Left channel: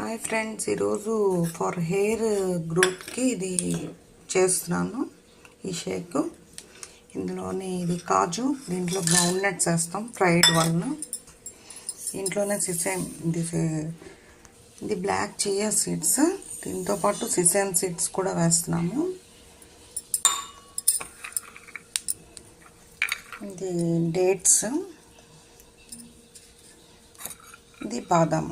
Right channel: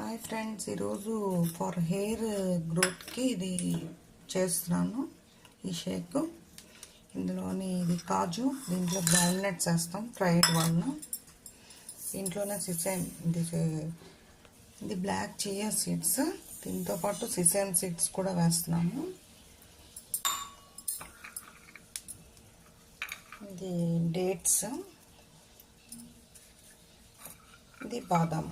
Hi friends, ఈరోజు for hair గ్రోత్కి ఇది చేస్తున్నాను. ఈ షేక్ ఇందులోని ఇది కాజు, దీంట్లో గ్రౌండ్ నట్స్ వేస్తాం, ఫ్రైడ్ వన్. దీంట్లోనే సిసేమ్ ఇది బ్లాక్ చియా సీడ్స్, దీంతోపాటు సిసేమ్ సీడ్స్ కూడా వేస్తున్నాము. ఇది డేట్స్, ఇది బాదాం.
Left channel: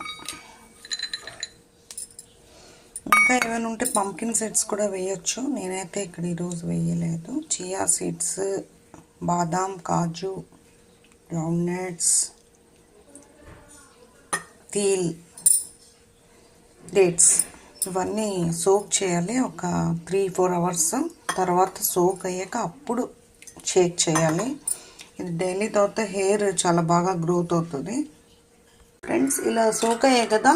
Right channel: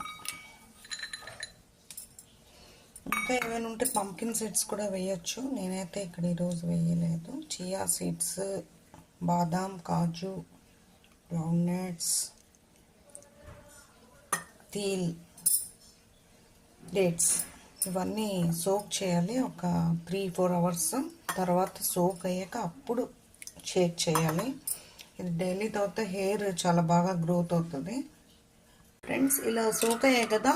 ఇంకా ఏమైనా ఉంటే పంకిన్ సీడ్స్ కూడా వేయచ్చు, నేనైతే ఇక్కడ ఈరోజు వేయలేదు. చియా సీడ్స్, బాదాం, కాజు, గ్రౌండ్ నట్స్, తీల్, డేట్స్ ఇవన్నీ సోక్ చేయాలి ఒక 3-4 అవర్స్. తర్వాత సోక్ అయ్యాక అప్పుడు షేక్ చేయాలి. ఇది డైలీ తాగితే హెయిర్ చాలా బాగా గ్రోత్ అవుతుంది. ఫ్రెండ్స్, ఇలా సోక్ అయ్యాయి కదా,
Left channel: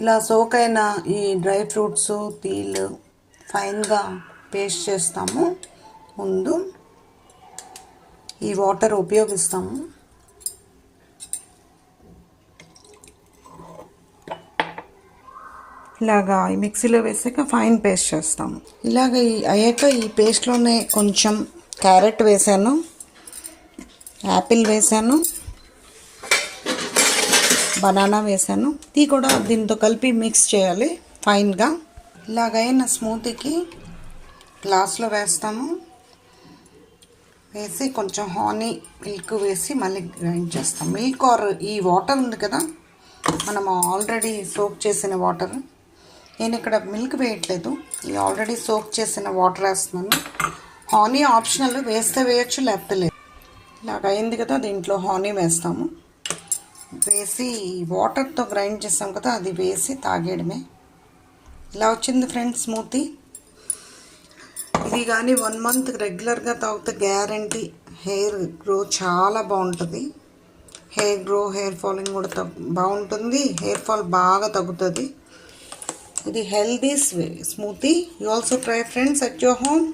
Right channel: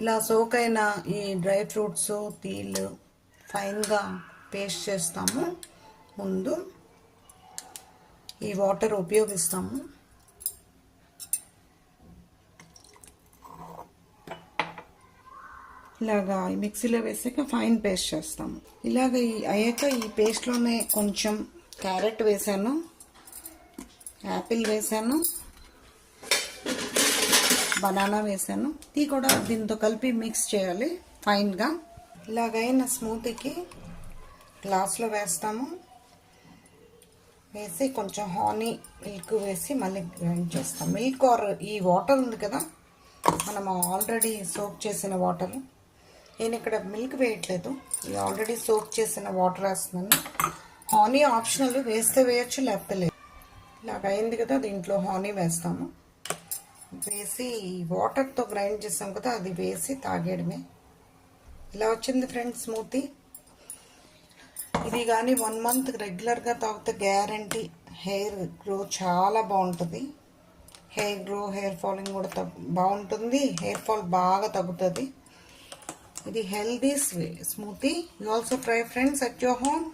ఇలా సోక్ అయిన ఈ డ్రై ఫ్రూట్స్, తీల్ ఫైన్గా పేస్ట్ చేస్తాము. ముందు ఈ వాటర్ ఉపయోగిస్తాము. ఇలాగా ఈ మిక్సీలో వేసాక ఫైన్ పేస్ట్ చేస్తాము. ఇలాగ అయ్యాక ఈ పేస్ట్లోనే కొంచెం క్యారెట్ వేసాను, యాపిల్ వేసాను, బనానా వేసాను. ఇది కూడా దీంతో కలిపి మిక్స్ చేయాలి ఫైన్గా. ఇలాగైన స్మూతీకి గ్లాస్లో వేస్తాము. వేసి కొంచెం హానీ మిల్క్ వేసి మళ్ళీ గ్రైండ్ చేస్తాం. మిల్క్ ఆర్ ఈ వాటర్ ఉంది కదా, మనం ఆల్రెడీ సోక్ చేసిన వాటర్. నేను ఇక్కడ మిల్క్ వేయట్లేదు, ఈ ఆల్రెడీ సోక్ చేసిన వాటర్ వేస్తున్నాను. హానీ ఆప్షనల్, వేస్తే వేయచ్చు లేకపోతే లేదు. ఇలాగ అయింది కదా, దీంట్లో హానీ వేస్తాము. వేసి వాటర్తో గ్రైండ్ చేస్తాం కదా, అది వేసి తాగేయడమే. ఇలా వచ్చింది ఫ్రెండ్స్ స్మూతీ. ఇది కానీ 1 మంత్ రెగ్యులర్గా తాగితే గ్యారంటీ హెయిర్ గ్రో చాలా బాగుంటుంది. హెయిర్ గ్రో, హెయిర్ ఫాలింగ్ కూడా బాగుంటుంది, హెయిర్ ఫాల్ బాగా తగ్గుతుంది. ఇది healthy smoothie. You also try friends at your home.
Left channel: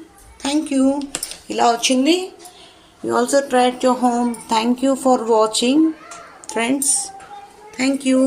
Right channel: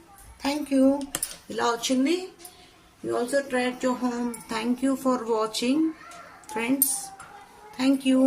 Thank you. ఇలా వచ్చింది. You also try at your home. Thank you for watching friends. Thank you.